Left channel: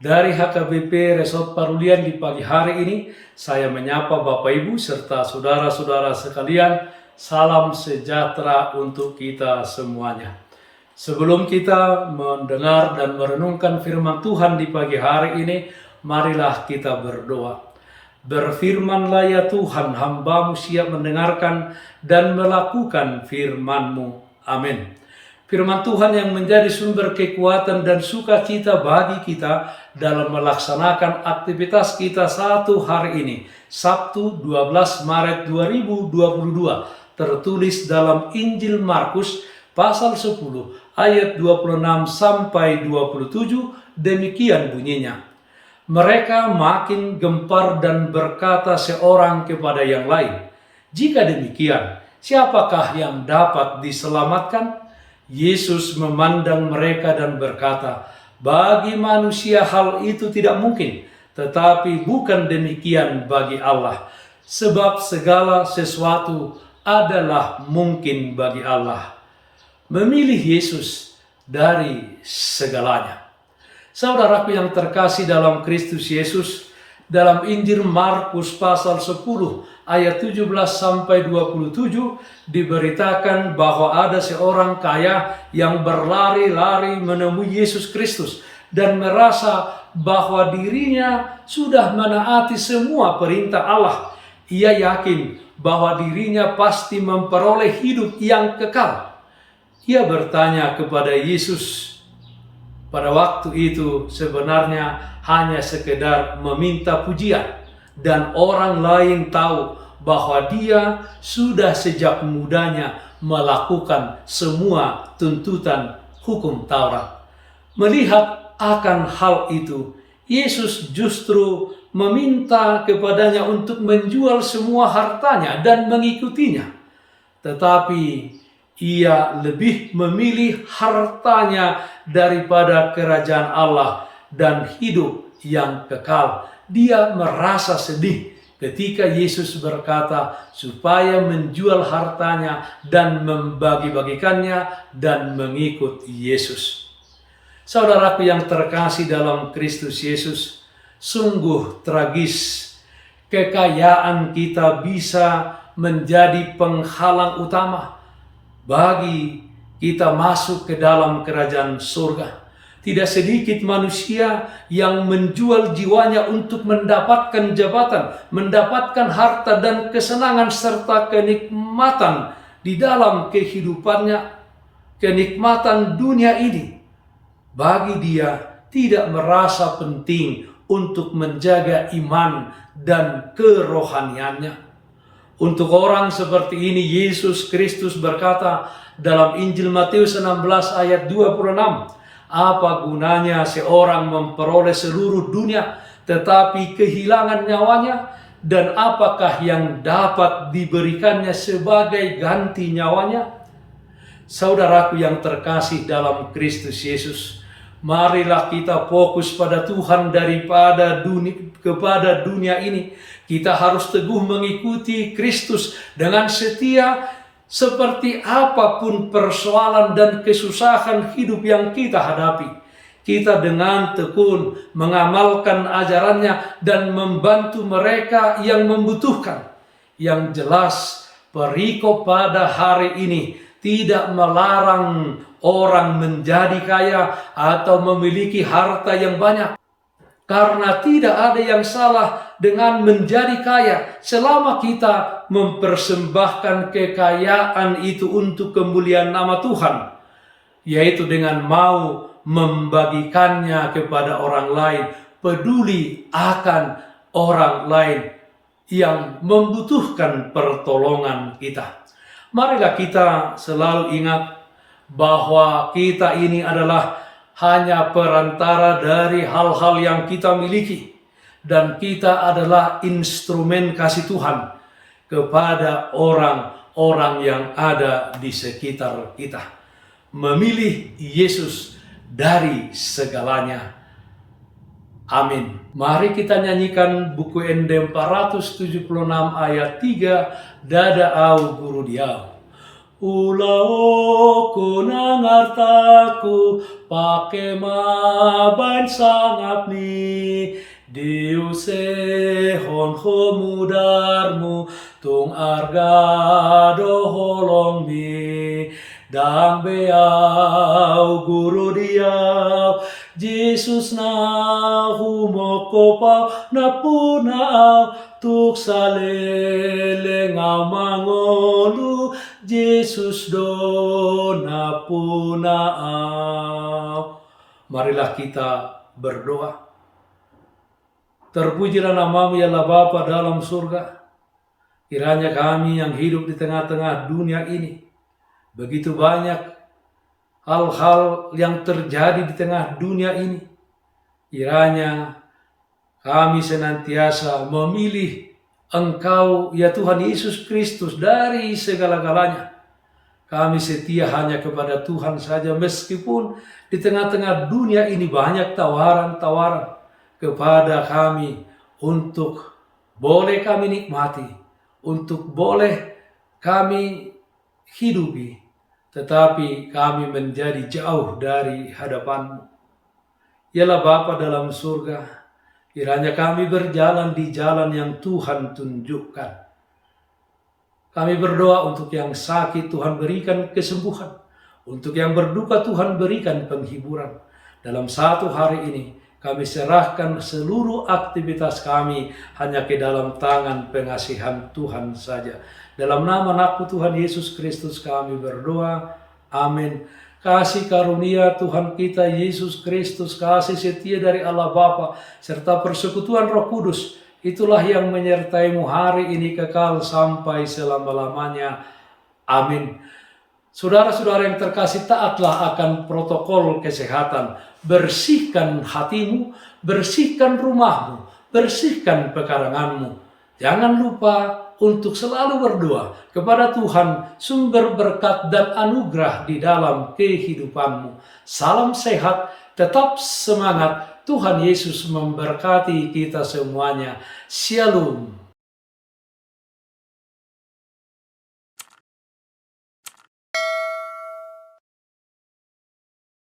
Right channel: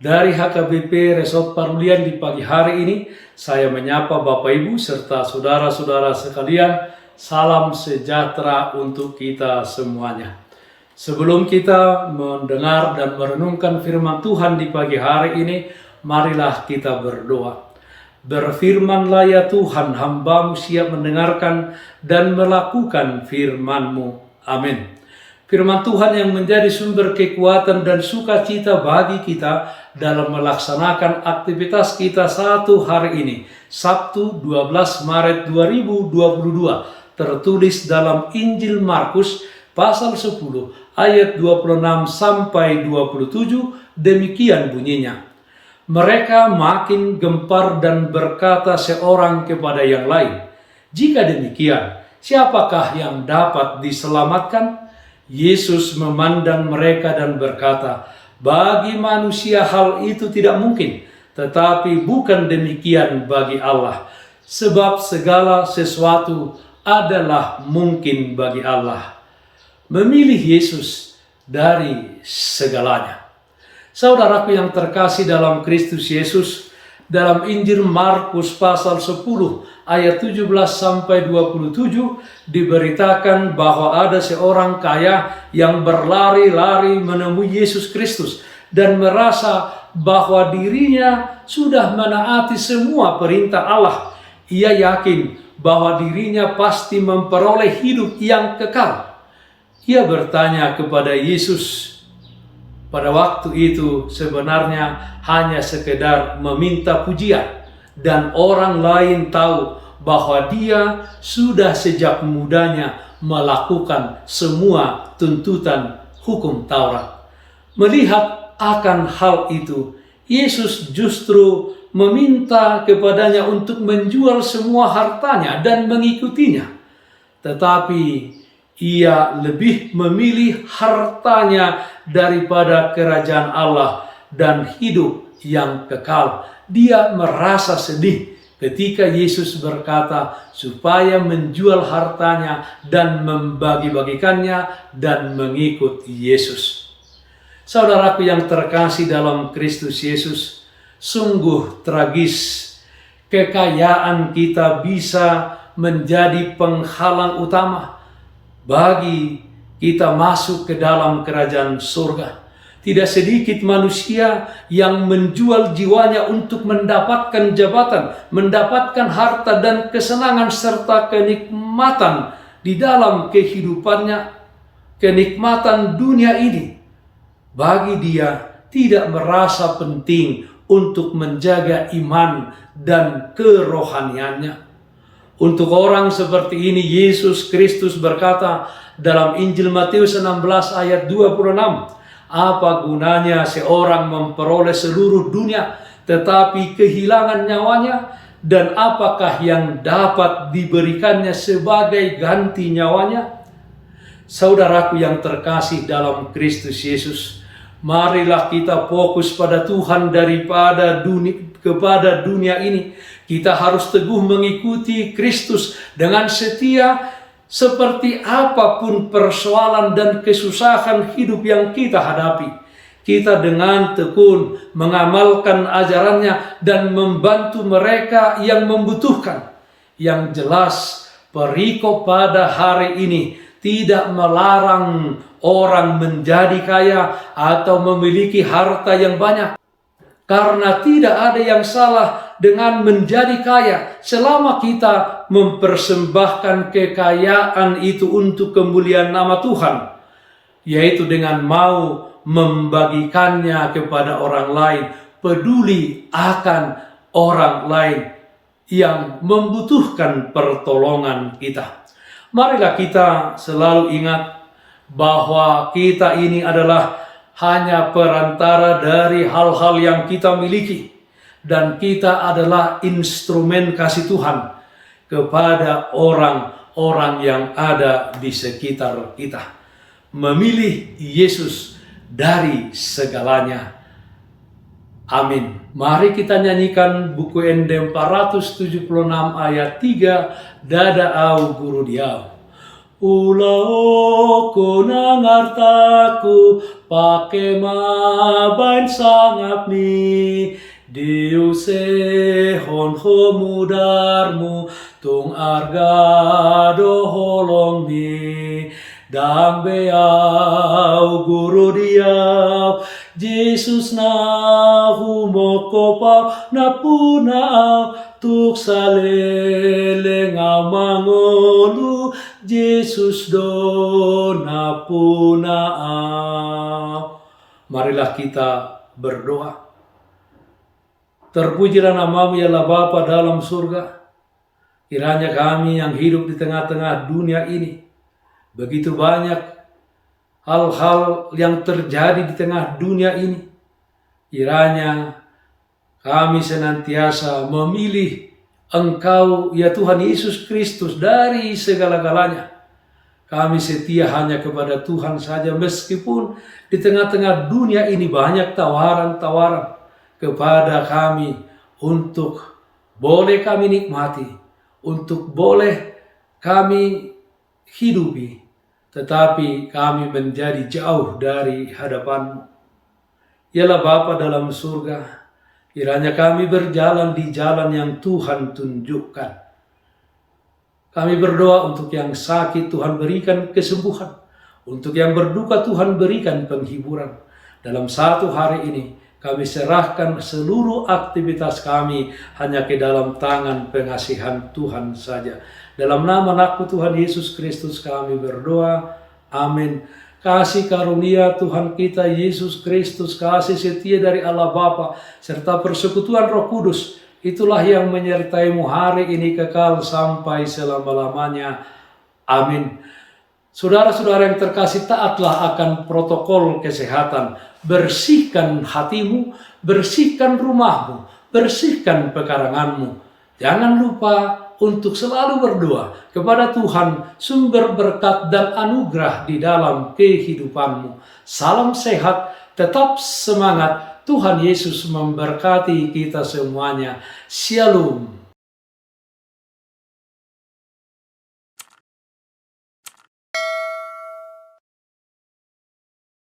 Dari HKBP Resort Parulian di pagi hari ini, saya menyapa Bapak Ibu serta saudara-saudara sekalian. Salam sejahtera untuk kita semuanya. Sebelum kita mendengar dan merenungkan firman Tuhan di pagi hari ini, marilah kita berdoa. Berfirmanlah ya Tuhan, hamba-Mu siap mendengarkan dan melakukan firman-Mu. Amin. Firman Tuhan yang menjadi sumber kekuatan dan sukacita bagi kita dalam melaksanakan aktivitas kita satu hari ini, Sabtu 12 Maret 2022, tertulis dalam Injil Markus pasal 10 ayat 26 sampai 27, demikian bunyinya. Mereka makin gempar dan berkata seorang kepada yang lain, "Jika demikian, siapakah yang dapat diselamatkan?" Yesus memandang mereka dan berkata, "Bagi manusia hal itu tidak mungkin, tetapi bukan demikian bagi Allah. Sebab segala sesuatu adalah mungkin bagi Allah." Memilih Yesus dari segalanya. Saudaraku yang terkasih dalam Kristus Yesus, dalam Injil Markus pasal 10 ayat 17 sampai 27 diberitakan bahwa ada seorang kaya yang berlari-lari menemui Yesus Kristus dan merasa bahwa dirinya sudah menaati semua perintah Allah. Ia yakin bahwa dirinya pasti memperoleh hidup yang kekal. Ia bertanya kepada Yesus. Pada waktu itu sebenarnya hanya sekedar meminta pujian, dan orang lain tahu bahwa dia sudah sejak mudanya melakukan semua tuntutan hukum Taurat. Melihat akan hal itu, Yesus justru meminta kepadanya untuk menjual semua hartanya dan mengikutinya. Tetapi ia lebih memilih hartanya daripada kerajaan Allah dan hidup yang kekal. Dia merasa sedih ketika Yesus berkata supaya menjual hartanya dan membagi-bagikannya dan mengikut Yesus. Saudaraku yang terkasih dalam Kristus Yesus, sungguh tragis kekayaan kita bisa menjadi penghalang utama bagi kita masuk ke dalam kerajaan surga. Tidak sedikit manusia yang menjual jiwanya untuk mendapatkan jabatan, mendapatkan harta dan kesenangan serta kenikmatan di dalam kehidupannya, kenikmatan dunia ini. Bagi dia tidak merasa penting untuk menjaga iman dan kerohaniannya. Untuk orang seperti ini, Yesus Kristus berkata dalam Injil Matius 16 ayat 26, "Apa gunanya seorang memperoleh seluruh dunia tetapi kehilangan nyawanya? Dan apakah yang dapat diberikannya sebagai ganti nyawanya?" Saudaraku yang terkasih dalam Kristus Yesus, marilah kita fokus pada Tuhan kepada dunia ini. Kita harus teguh mengikuti Kristus dengan setia seperti apapun persoalan dan kesusahan hidup yang kita hadapi. Kita dengan tekun mengamalkan ajarannya dan membantu mereka yang membutuhkan. Yang jelas, perikop pada hari ini tidak melarang orang menjadi kaya atau memiliki harta yang banyak. Karena tidak ada yang salah dengan menjadi kaya selama kita mempersembahkan kekayaan itu untuk kemuliaan nama Tuhan, yaitu dengan mau membagikannya kepada orang lain, peduli akan orang lain yang membutuhkan pertolongan kita. Marilah kita selalu ingat bahwa kita ini adalah hanya perantara dari hal-hal yang kita miliki, dan kita adalah instrumen kasih Tuhan kepada orang-orang yang ada di sekitar kita. Memilih Yesus dari segalanya. Amin. Mari kita nyanyikan buku ND 476 ayat 3, "Dada au guru diau." Ulao ko nangartaku pake mabain sangap ni diuse hon homudarmu tung argado holong mi dang beau guru diau Jesus na humoko pau na punau tuk salele ngau mangolu Jesus do na punau. Marilah kita berdoa. Terpujilah namamu ya Allah Bapa dalam surga. Kiranya kami yang hidup di tengah-tengah dunia ini, begitu banyak hal-hal yang terjadi di tengah dunia ini. Kiranya kami senantiasa memilih Engkau ya Tuhan Yesus Kristus dari segala-galanya. Kami setia hanya kepada Tuhan saja meskipun di tengah-tengah dunia ini banyak tawaran-tawaran kepada kami untuk boleh kami nikmati, untuk boleh kami hidupi, tetapi kami menjadi jauh dari hadapan-Mu. Yalah Bapa dalam surga, kiranya kami berjalan di jalan yang Tuhan tunjukkan. Kami berdoa untuk yang sakit Tuhan berikan kesembuhan. Untuk yang berduka Tuhan berikan penghiburan. Dalam satu hari ini kami serahkan seluruh aktivitas kami hanya ke dalam tangan pengasihan Tuhan saja. Dalam nama anakku Tuhan Yesus Kristus kami berdoa. Amin. Kasih karunia Tuhan kita Yesus Kristus, kasih setia dari Allah Bapa serta persekutuan Roh Kudus, itulah yang menyertaimu hari ini kekal sampai selama-lamanya. Amin. Saudara-saudara yang terkasih, taatlah akan protokol kesehatan. Bersihkan hatimu, bersihkan rumahmu, bersihkan pekaranganmu. Jangan lupa untuk selalu berdoa kepada Tuhan sumber berkat dan anugerah di dalam kehidupanmu. Salam sehat, tetap semangat. Tuhan Yesus memberkati kita semuanya. Shalom.